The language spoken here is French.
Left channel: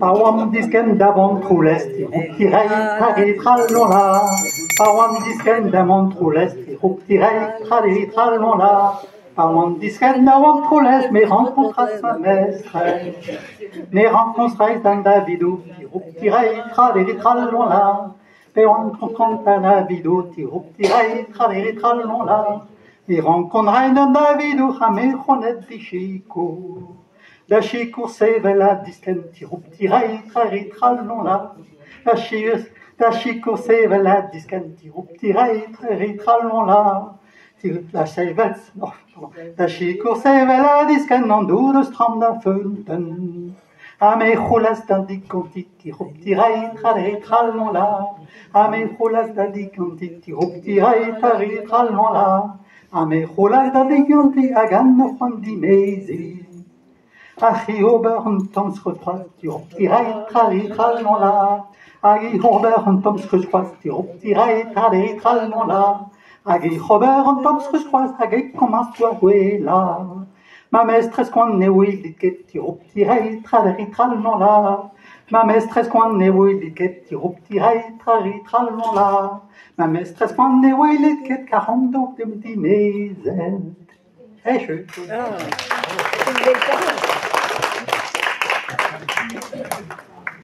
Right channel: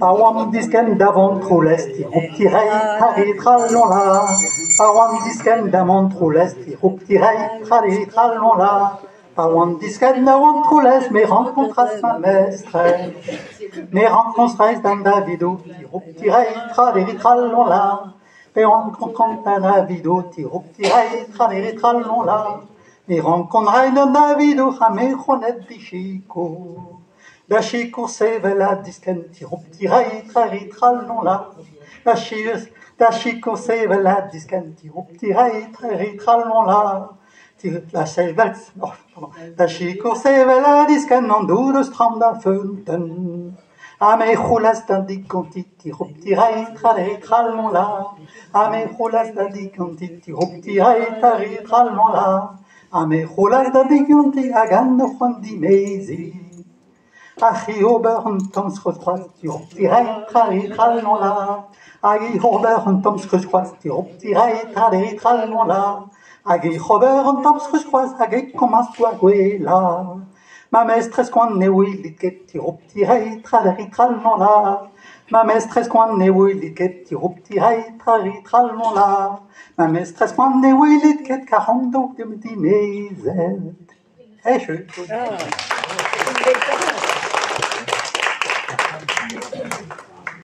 Pawam disken d'avant trop l'est, tirei, trari, tralala. Pawam disken d'avant trop l'est, tirei, trari, tralala. Pawam disken d'avant trop l'est, mes rencontres ma mestre. Mes rencontres dans Davido, tirei, trari, tralala. Mes rencontres dans Davido, tirei, trari, tralala. Mes rencontres dans Davido, mes honnêtes di Chico. La Chico sevela disken tirei, trari, tralala. La Chico sevela disken tirei, trari, tralala. La Chico sevela disken non dude strand da funten. A me chulas da di conti tirei, trari, tralala. A me chulas da di conti tirei, trari, tralala. A me chulas da di conti agan no fond di mezi. Agi ober und toms gesquast, tirei, trari, tralala. Agi ober und toms gesquast, tirei, trari, tralala. Agi ober und toms gesquast, agi commence tu a guela. Ma maîtresse qu'on ne will dit que tirei, trari, tralala. Ma maîtresse qu'on ne will dit que tirei, trari, tralala. Ma maîtresse qu'on ne will dit que 42 de me dit mes ailes. Eh, je.